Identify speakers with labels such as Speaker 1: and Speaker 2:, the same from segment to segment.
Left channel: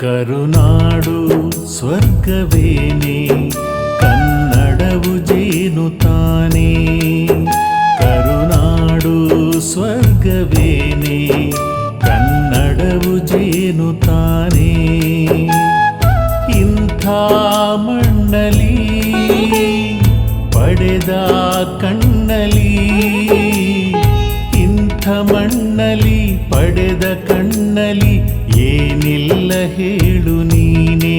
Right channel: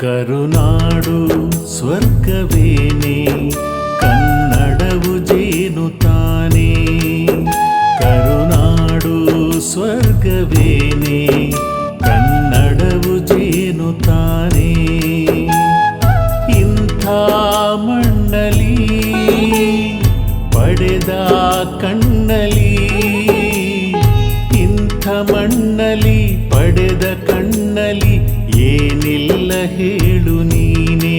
Speaker 1: ಕರುನಾಡು ಸ್ವರ್ಗವೇನೆ ಕನ್ನಡವು ಜೇನು ತಾನೇ. ಕರುನಾಡು ಸ್ವರ್ಗವೇನೆ ಕನ್ನಡವು ಜೇನು ತಾನೇ. ಇಂಥ ಮಣ್ಣಲಿ ಪಡೆದ ಕಣ್ಣಲಿ ಇಂಥ ಮಣ್ಣಲಿ ಪಡೆದ ಕಣ್ಣಲಿ ಏನಿಲ್ಲ ಹೇಳು ನೀನೇ,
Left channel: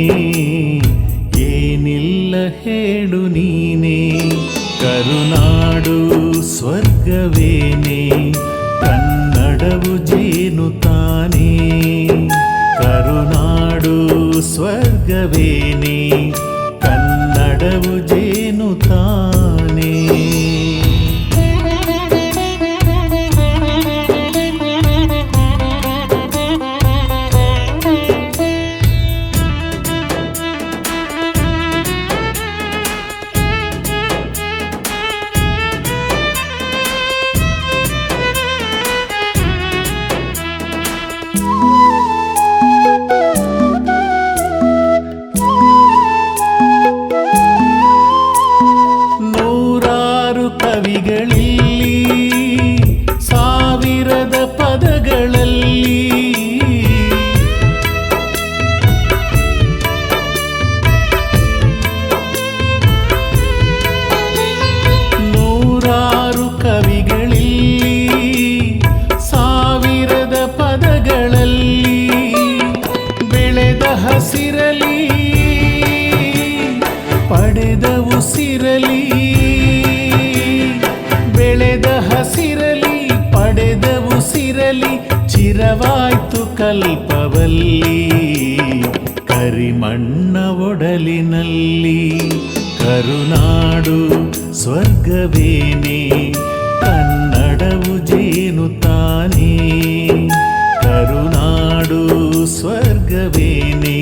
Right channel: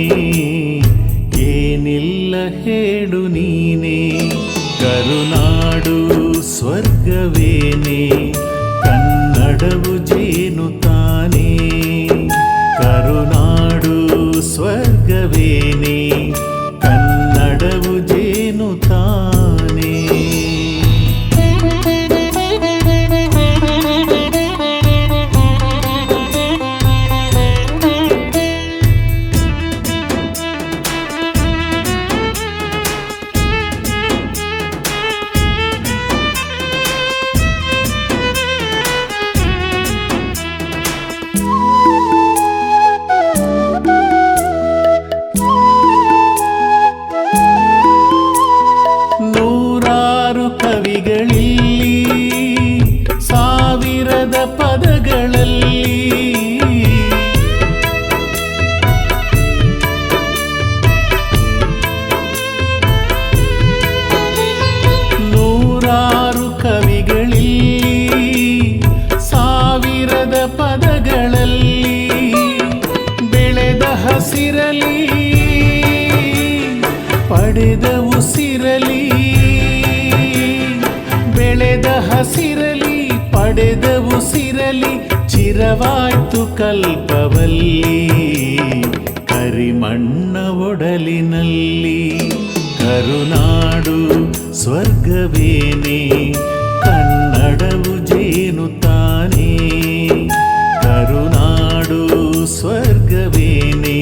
Speaker 1: ಏನಿಲ್ಲ ಹೇಳು ನೀನೇ. ಕರುನಾಡು ಸ್ವರ್ಗವೇನೇ, ಕನ್ನಡವು ಜೇನು ತಾನೇ. ಕರುನಾಡು ಸ್ವರ್ಗವೇನೇ, ಕನ್ನಡವು ಜೇನು ತಾನೇ. ಕವಿಗಳಲ್ಲಿ ಸಾವಿರದ ಪದಗಳಲ್ಲಿ. ನೂರಾರು ಕವಿಗಳಲ್ಲಿ ಸಾವಿರದ ಪದಗಳಲ್ಲಿ ಬೆಳೆದ ಹಸಿರಲಿ ಪಡೆದ ಉಸಿರಲಿ. ಬೆಳೆದ ಹಸಿರಲಿ ಪಡೆದ ಉಸಿರಲಿ ಚಿರವಾಯ್ತು ಕಲ್ಪವಲ್ಲಿ. ಕರಿಮಣ್ಣ ಒಡಲಿನಲ್ಲಿ ಕರುನಾಡು ಸ್ವರ್ಗವೇನೆ, ಕನ್ನಡವು ಜೇನು ತಾನೇ. ಕರುನಾಡು ಸ್ವರ್ಗವೇನೆ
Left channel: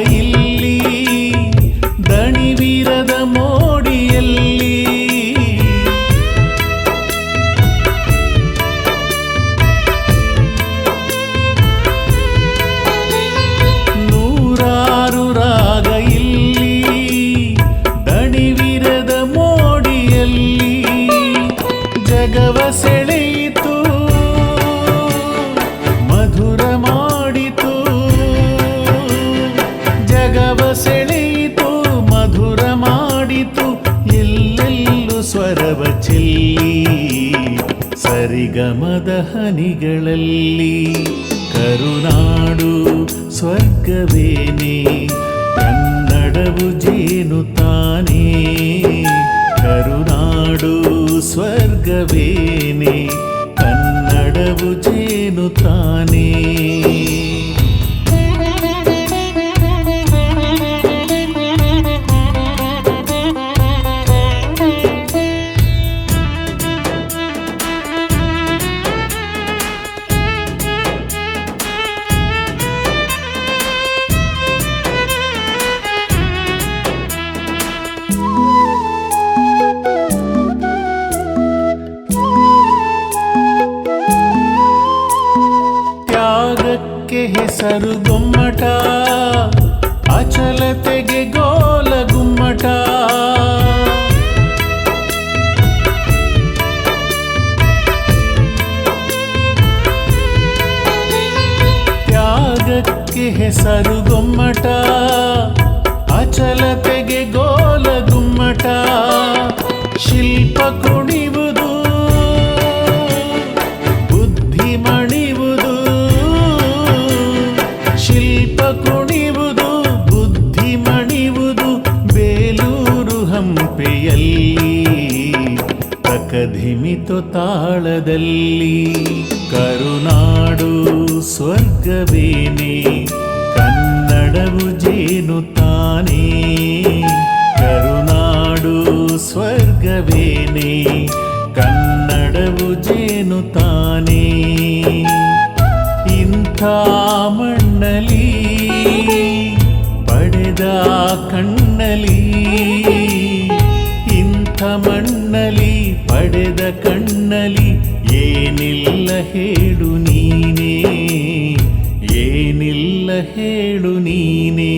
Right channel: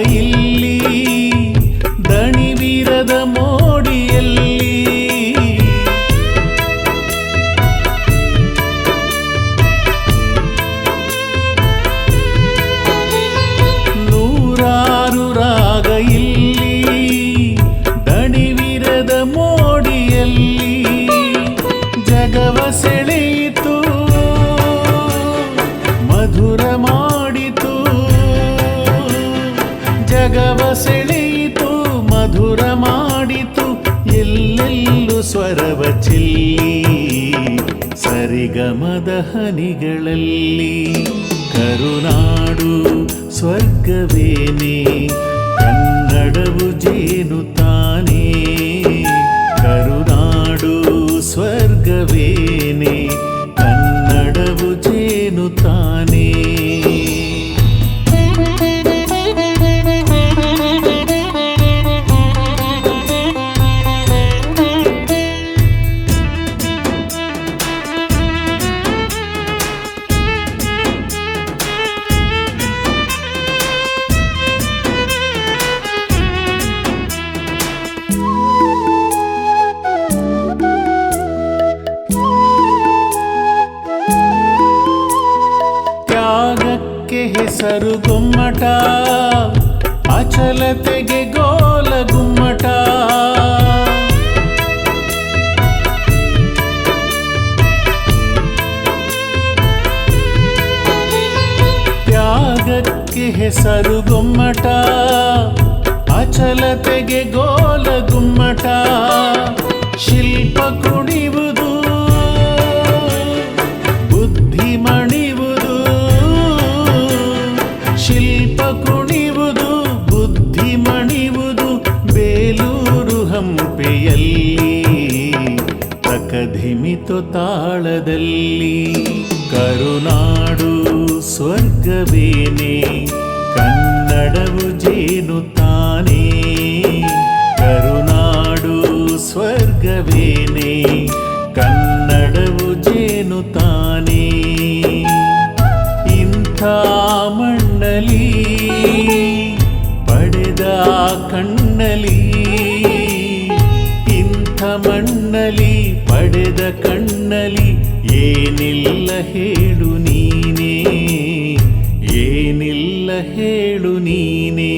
Speaker 1: ಇಲ್ಲಿ ದಣಿವೀರದ ಮೋಡಿಯಲ್ಲಿ. ನೂರಾರು ರಾಗ ಇಲ್ಲಿ ದಣಿವಿರದ ಮೋಡಿಯಲ್ಲಿ. ಜಗವ ಸೆಳೆಯಿತು ಮಧುರ ಮಾಡಿತು ಸೆಳೆಯಿತು, ಮಧುರ ಮಾಡಿತು, ಎಲ್ಲೆಲ್ಲೂ ಸ್ವರವ ಚೆಲ್ಲಿ, ಸರಿಗಮದ ಹನಿಗಳಲ್ಲಿ. ಕರುನಾಡು ಸ್ವರ್ಗವೇನೆ, ಕನ್ನಡವು ಜೇನು ತಾನೇ. ಕರುನಾಡು ಸ್ವರ್ಗವೇನೆ, ಕನ್ನಡವು ಜೇನು ತಾನೇ. ತ್ಯಾಗಕ್ಕೆ ಹೆಸರು ಗೊಮ್ಮಟ ಅಚಲತೆಗೆ ಗೋಲ ಗುಮ್ಮಟ. ತ್ಯಾಗಕ್ಕೆ ಹೆಸರು ಗುಮ್ಮಟ ಅಚಲತೆಗೆ ಗೋಲ ಗುಮ್ಮಟ. ಶಿಲ್ಪ ಕುಣಿವುದು ಶಿಲ್ಪ ಕುಣಿವುದು, ಬುದ್ಧಿ ಮಣಿವುದು ಬೇಲೂರು ಹಂಪೆಯಲ್ಲಿ ತಕಧಿಮಿತು ತಾಳದಲ್ಲಿ. ಕರುನಾಡು ಸ್ವರ್ಗವೇನೆ, ಕನ್ನಡವು ಜೇನು ತಾನೇ. ಕರುನಾಡು ಸ್ವರ್ಗವೇನೆ, ಕನ್ನಡವು ಜೇನು ತಾನೇ. ಮಣ್ಣಲಿ ಪಡೆದ ಕಣ್ಣಲಿ. ಇಂಥ ಮಣ್ಣಲಿ ಪಡೆದ ಕಣ್ಣಲಿ ಏನಿಲ್ಲ ಹೇಳು ನೀನೇ ಏನಿಲ್ಲ ಹೇಳು ನೀನೇ.